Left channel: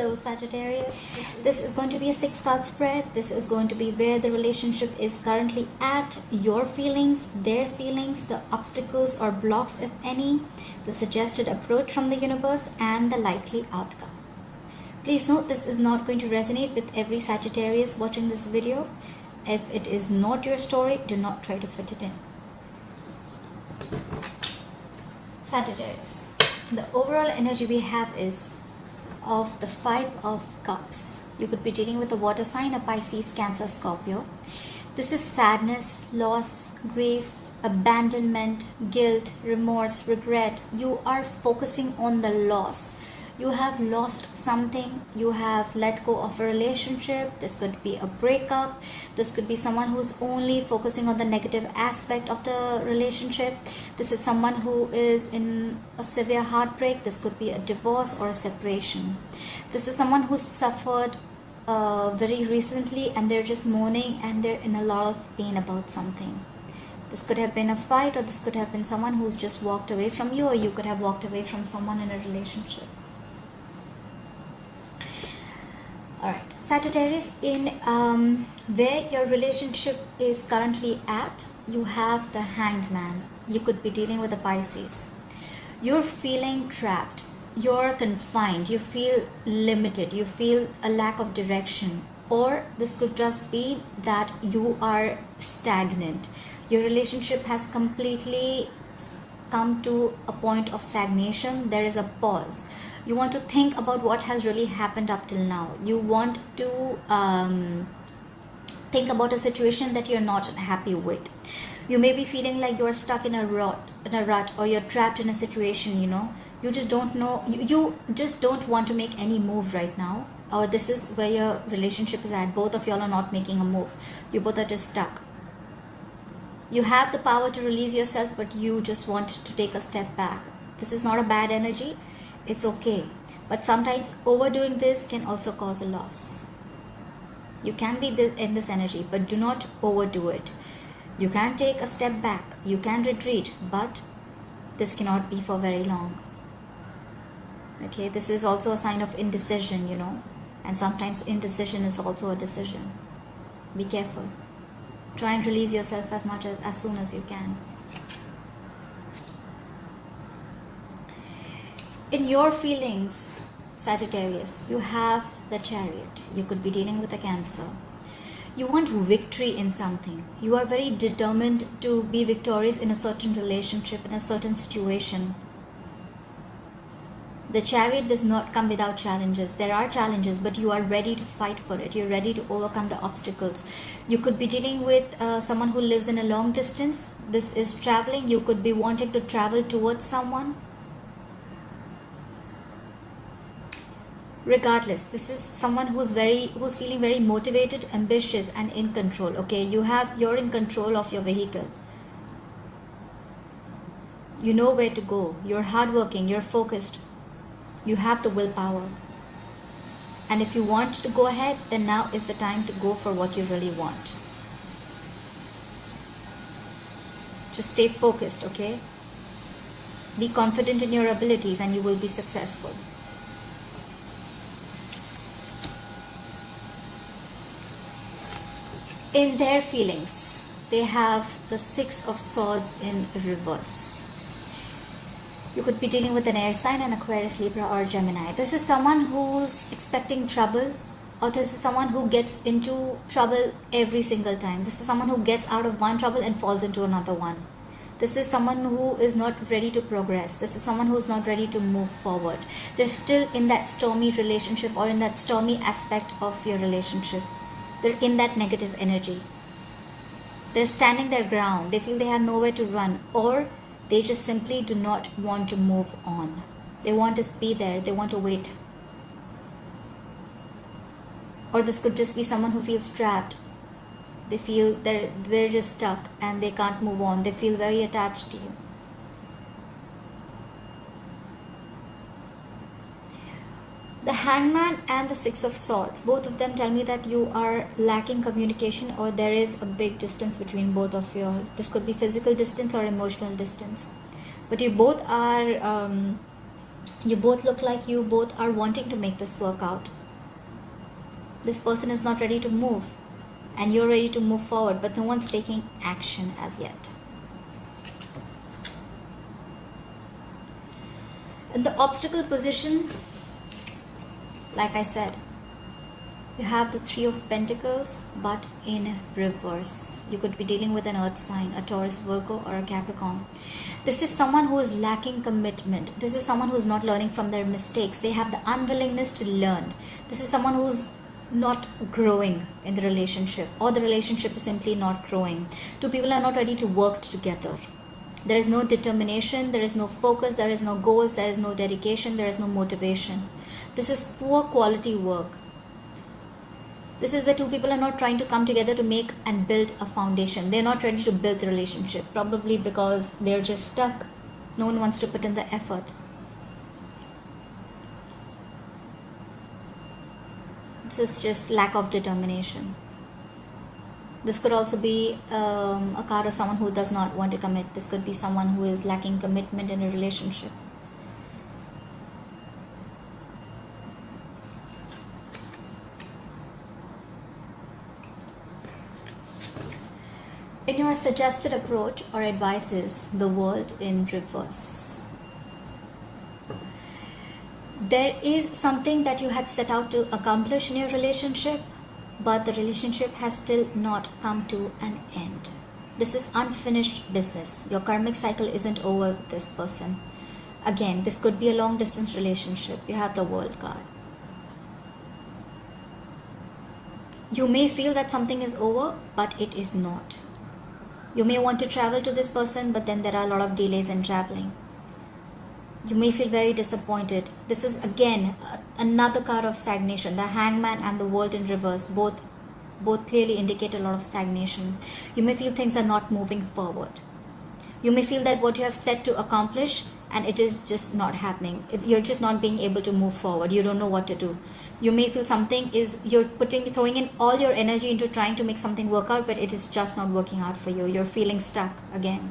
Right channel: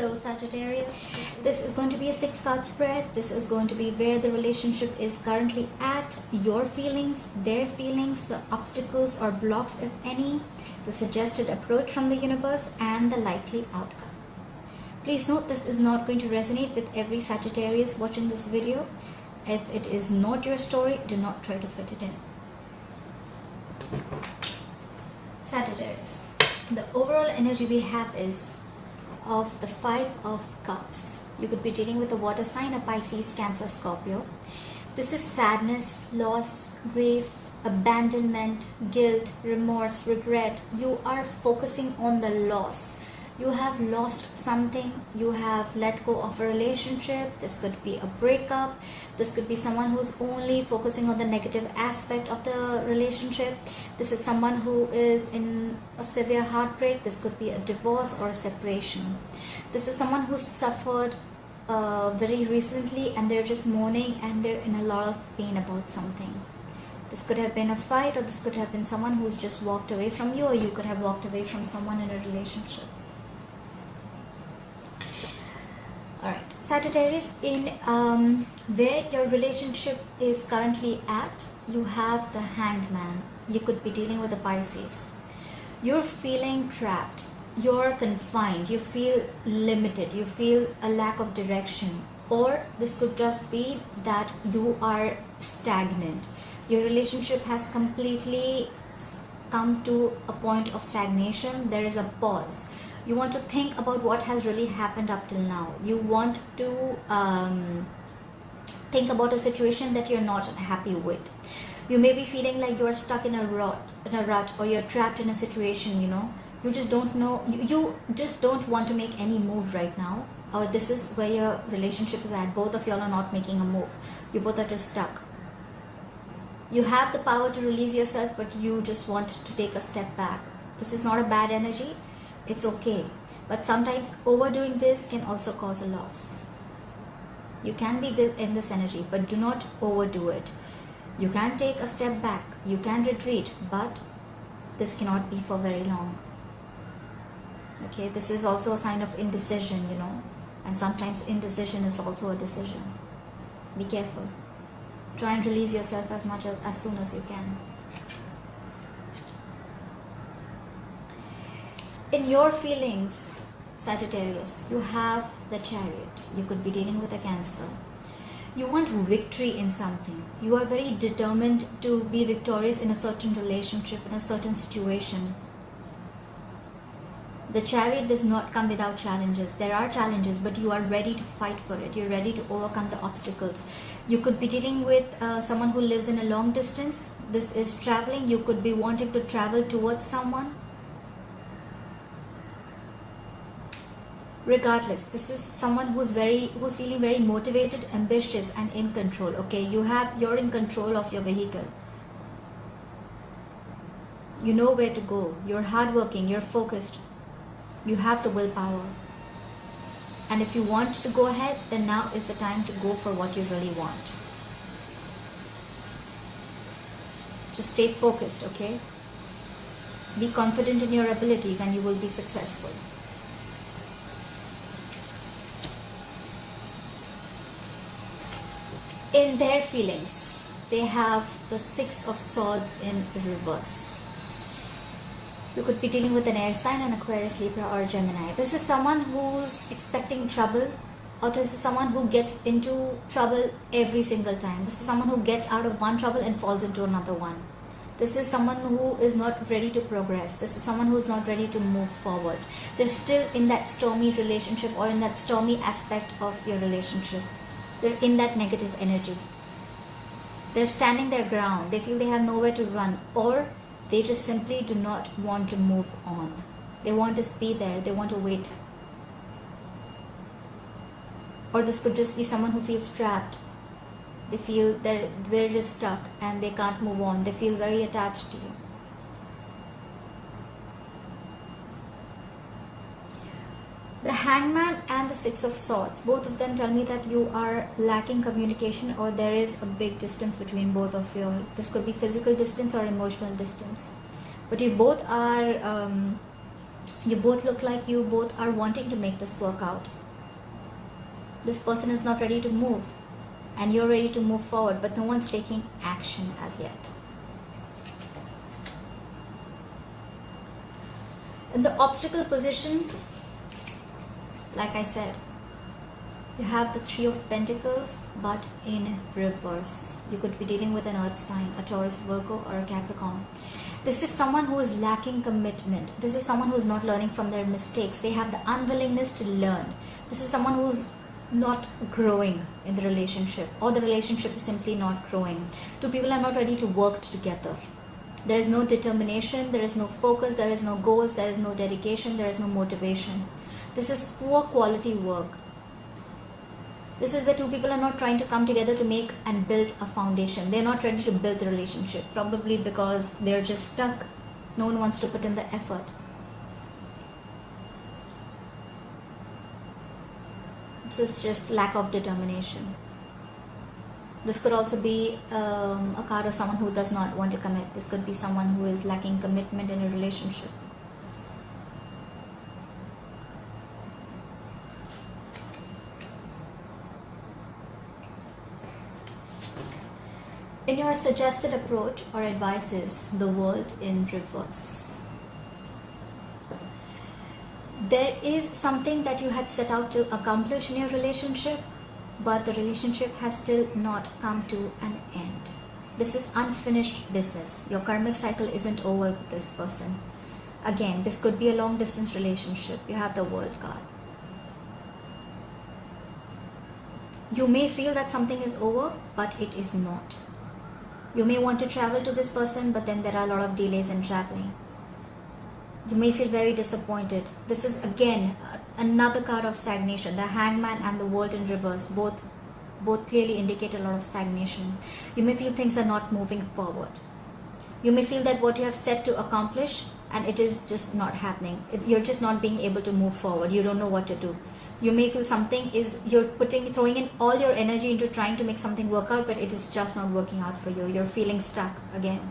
Hello Sagittarius, this is going to be a 6-card spread. This is going to be where the relationship is currently at, your feelings, their feelings, the obstacles or blocks if any, the suggested approach from the universe and the likely outcome. Please note this is not going to resonate with every Sagittarius watching this video. If it is not your story, do not try to fit it in. Sagittarius, the overall energy we have is of the 5 of Cups. You could be dealing with a water sign, a Pisces, Cancer, Scorpio. This is sadness, loss, grief, abandonment, guilt, remorse, regret. You are focusing on the loss. You have lost something. You have let go of a relationship. This could be a breakup. This could be someone who's only focusing on the negative aspect of the relationship. This is someone who is in a severe heartbreak. This could be a divorce or a separation. This is someone who's suffered very recently and they're just mourning and they're in a lot of pain about something. This could have been a fight, or this could have been someone who's just walked away from you, or you could have walked away from someone in a relationship. Alright, Sagittarius, in where your relationship is currently at, you have the Hanged Man. You could be dealing with a Pisces. You're feeling trapped. You're confined. You feel limited. You feel a lack of direction. Or this could just be that you are stagnant. Your relationship has completely come to a point of stagnation. There is a pause. You want to think about what has really happened up till now. You want to think about a situation that you're not happy with. You may be feeling like you're stuck in a rut, or you're trapped in a situation, you just don't know, you just don't want to make any move right now, or this is where your relationship is at. Both of y'all are not making a move. You both are just stuck. You have the power to release yourself, but you just want to take a step back. This is not a bad energy. It's okay, but sometimes overdoing this can also cause a loss. You can be in this energy, but do not overdo it. You can take a step back, you can retreat, but this cannot be for very long. Okay, this is also a sign of indecision, and sometimes indecision is also a decision. Be careful. Try and release yourself as soon as you can. In your feelings, Sagittarius, you have the Chariot. You could be dealing with a Cancer. You want victory in something. You are very determined to be victorious in a certain relationship, in a certain situation. The Chariot does not come without challenges. There are challenges, but you are ready to fight for it. You're ready to overcome the obstacles. You could be dealing with someone who lives in a long distance. This is traveling. You could be wanting to travel towards someone. Regardless, this is someone who's feeling very motivated, ambitious and in control. Okay, you're in control of your vehicle. You know where to go. You're hardworking, you're focused. You have the willpower. And if you want to go ahead, then now is the time to go for what you really want. Just stay focused, okay? Be confident in your abilities and you will be successful. In their feelings, they have the 6 of Swords in reverse. You could be dealing with an air sign, an Aquarius, Libra or Gemini. This is someone who's expecting trouble, or this is someone who gets into trouble every single time. This is someone who gets out of one trouble and falls into another one. This is someone who is not ready to progress. This is someone who's not ready to move forward. They're still in that stormy relationship or in that stormy aspect of your relationship. They're in that negative energy. They're standing their ground. They feel they have nowhere to run, or they just simply do not want to move on. They want to be there. They want to wait. Or this could just be someone who feels trapped. They feel that they're just stuck and they can't move on. They feel very attached to you. The Hangman and the 6 of Swords, both of them tell me that you are lacking communication, or there is a big distance between both of you. This could be physical distance or emotional distance. But you both are You both look like you both are wanting to make this work out. This person is not ready to move, and you're ready to move forward, but no one's taking action as yet. In the obstacle position, like I said, you have the Three of Pentacles, but in reverse. You could be dealing with an earth sign, a Taurus, Virgo, or a Capricorn. This is someone who is lacking commitment. This is someone who is not learning from their mistakes. They have the unwillingness to learn. This is someone who is not growing in the relationship, or the relationship is simply not growing. Two people are not ready to work together. There is no determination, there is no focus, there is no goals, there is no dedication, there is no motivation. This is poor quality work. This is where two people are not trying to come together to make and build a foundation. They're not ready to build the relationship, probably because they're just stuck. No one wants to put in the effort. This is just lack of determination. This could also be a card of someone who does not want to commit. This could be someone who is lacking commitment in a relationship. In your suggested approach or advices, the world in reverse. There is something that you had set out to accomplish in your relationship, but the relationship has still not come to an end. This is unfinished business. Your karmic cycle isn't over with this person. Again, this could be a long distance relationship. You have the World card. You may feel that something is over, but it is not. You may want to travel to this person, but then there are a lot of delays in traveling. You may feel very disappointed. This is again another card of stagnation. The Hangman and the World in reverse both clearly indicate a lot of stagnation. You may feel things are not moving forward. You may feel that what you have set to accomplish and it is just not happening. You're just not being able to move forward. You don't know what to do. You may feel something is, you're throwing in all your energy into trying to make something work out, but it is just not working out for you. You're feeling stuck again.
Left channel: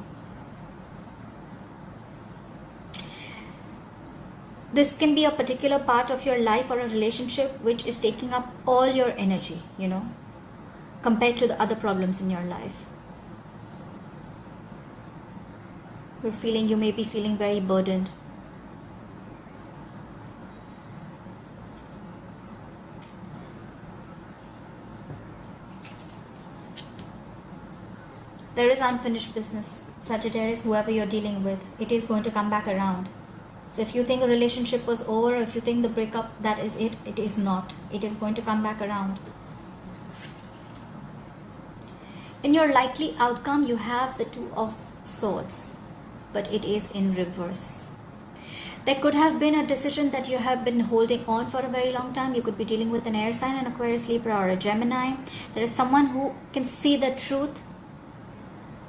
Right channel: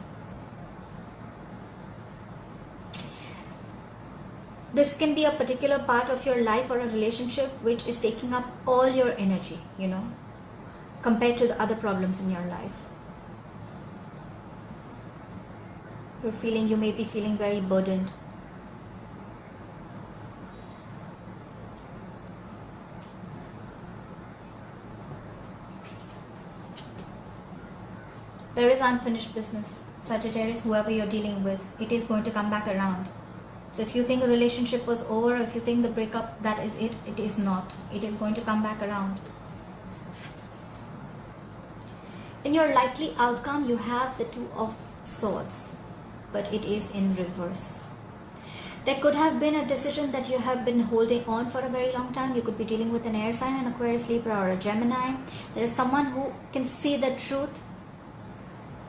This can be a particular part of your life or a relationship which is taking up all your energy, compared to the other problems in your life. You may be feeling very burdened. There is unfinished business. Sagittarius, whoever you're dealing with, it is going to come back around. So if you think a relationship was over, if you think the breakup, that is it, it is not. It is going to come back around. In your likely outcome, you have the Two of Swords, but it is in reverse. There could have been a decision that you have been holding on for a very long time. You could be dealing with an air sign, an Aquarius, Libra, or a Gemini. There is someone who can see the truth,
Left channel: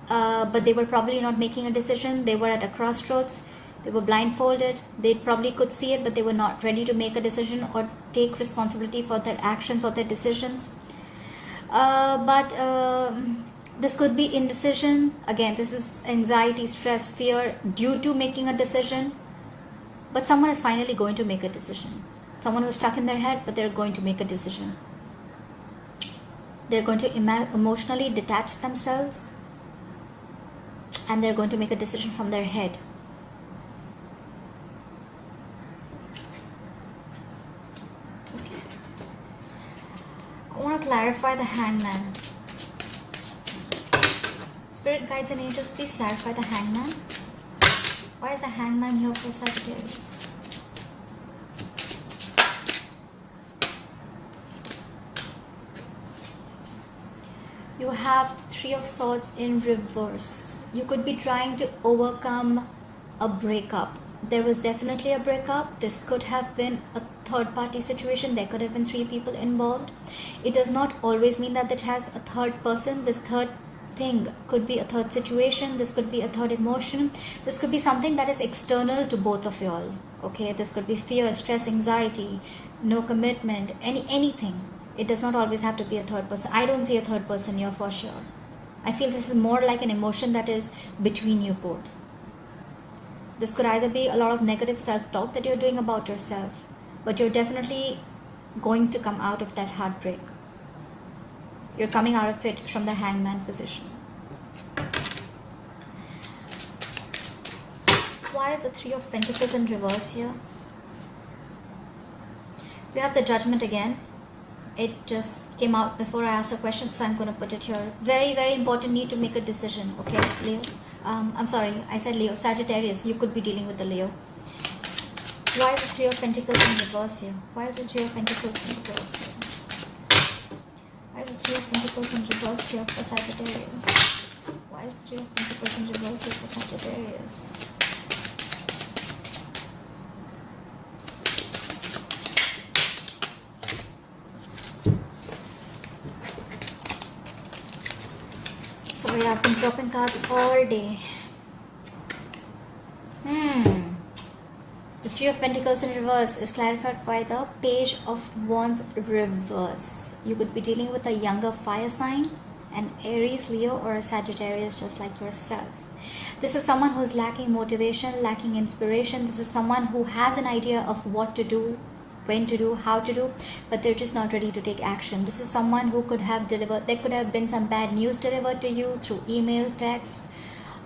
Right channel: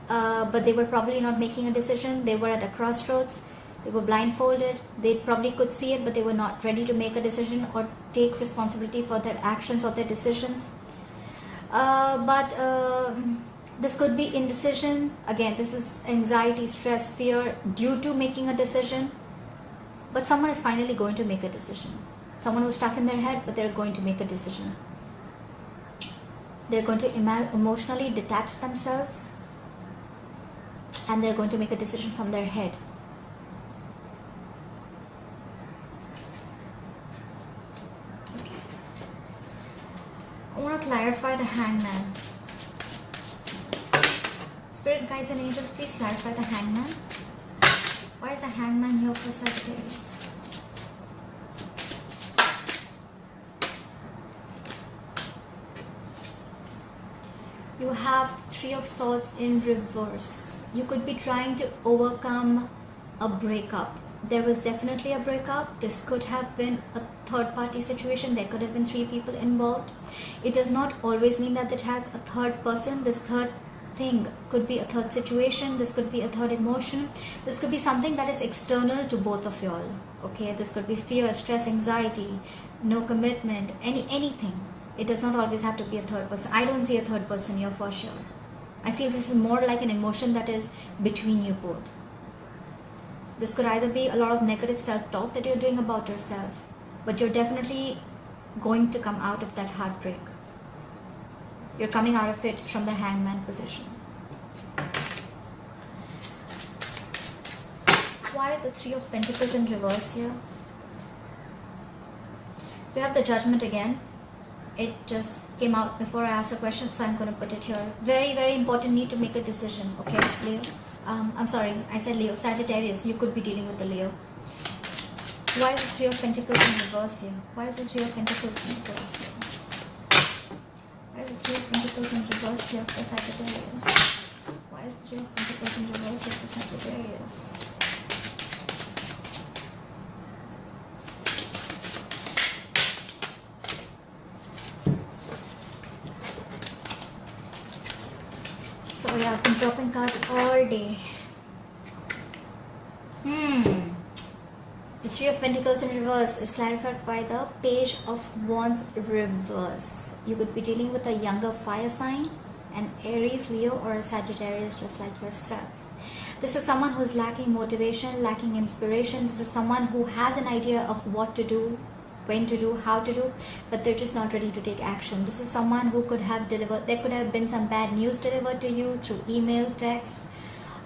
but they were probably not making a decision. They were at a crossroads. They were blindfolded. They probably could see it, but they were not ready to make a decision or take responsibility for their actions or their decisions. This could be indecision. Again, this is anxiety, stress, fear due to making a decision. But someone is finally going to make a decision. Someone was stuck in their head, but they're going to make a decision. They're going to emotionally detach themselves, and they're going to make a decision from their head. I want to clarify the Hangman. Spirit guides and angels, please clarify the Hangman. Why is the Hangman here for Sagittarius? You have Three of Swords in reverse. You could be trying to overcome a breakup. There was definitely a breakup. This could have been a third party situation. There could have been three people involved. It does not always mean that it has a third person. This third thing could be a third situation. This could be a third emotion. This could be something that is external to both of y'all. Okay, this could be fear, stress, anxiety, no commitment, anything. It does not always have to be a third person. I don't see a third person here for sure. I feel this is more like an emotion that is between you both. This could either be a lot of negative self-talk that you're doing about yourself, but you're definitely going to come out of that heartbreak. You're coming out of it from the Hangman position. Why is the Three of Pentacles in reverse here? We have the Judgment again. It just came out before I asked a question, so I'm going to put it here. Very, very important, need to make a decision, okay, Leo? I'm sorry, I said Leo. Sagittarius, you could be dealing with the Leo. Why is the Three of Pentacles in reverse here? Why is the Three of Pentacles in reverse here? Why is the Three of Pentacles in reverse here for Sagittarius? Why is the Three of Pentacles in reverse here for Sagittarius? Sorry, I've been dropping cards all day. The Three of Pentacles in reverse is clarified by the Page of Wands reverse. You would be dealing with a younger fire sign, an Aries, Leo, or a Sagittarius just like yourself. This is someone who's lacking motivation, lacking inspiration. This is someone who has an idea of what to do, when to do, how to do, but they're just not ready to take action. This is someone who could have delivered, there could have been some bad news delivered to you through email, text,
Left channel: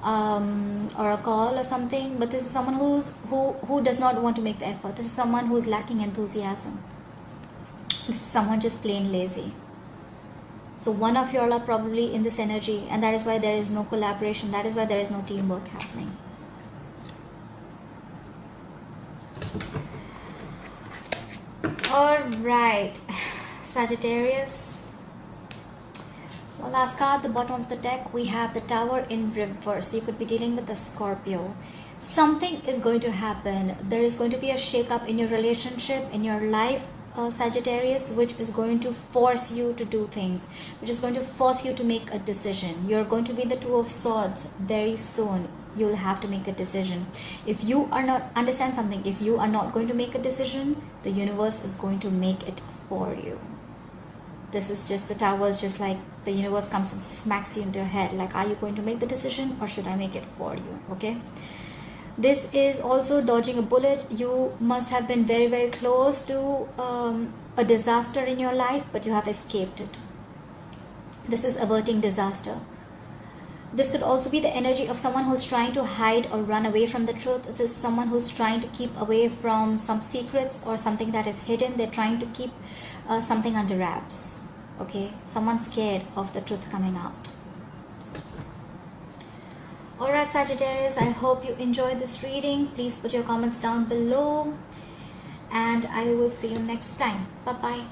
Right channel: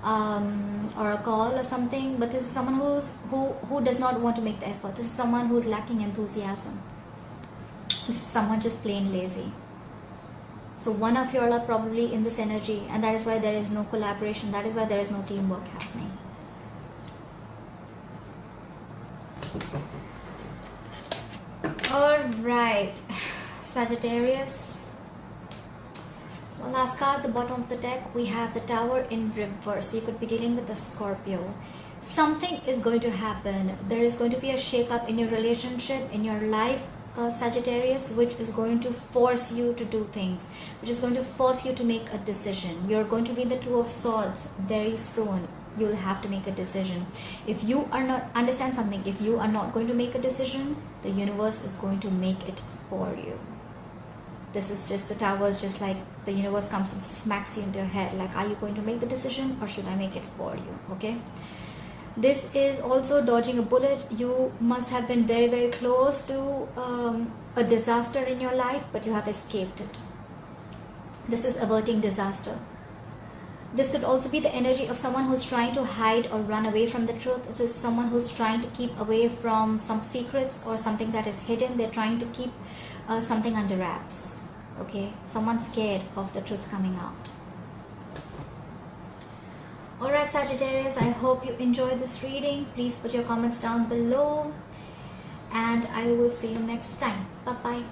or a call or something, but this is someone who does not want to make the effort. This is someone who's lacking enthusiasm. This is someone just plain lazy. So one of you all are probably in this energy, and that is why there is no collaboration, that is why there is no teamwork happening. Alright, Sagittarius. One last card, the bottom of the deck, we have the Tower in reverse. You could be dealing with the Scorpio. Something is going to happen. There is going to be a shake-up in your relationship, in your life, Sagittarius, which is going to force you to do things, which is going to force you to make a decision. You're going to be in the Two of Swords very soon. You'll have to make a decision. If you are not, understand something, if you are not going to make a decision, the universe is going to make it for you. This is just the Towers, just like the universe comes and smacks you into your head, like, are you going to make the decision or should I make it for you? Okay, this is also dodging a bullet. You must have been very, very close to a disaster in your life, but you have escaped it. This is averting disaster. This could also be the energy of someone who's trying to hide or run away from the truth. This is someone who's trying to keep away from some secrets or something that is hidden. They're trying to keep something under wraps. Okay, someone's scared of the truth coming out. Alright, Sagittarius, I hope you enjoyed this reading. Please put your comments down below, and I will see you next time. Bye-bye.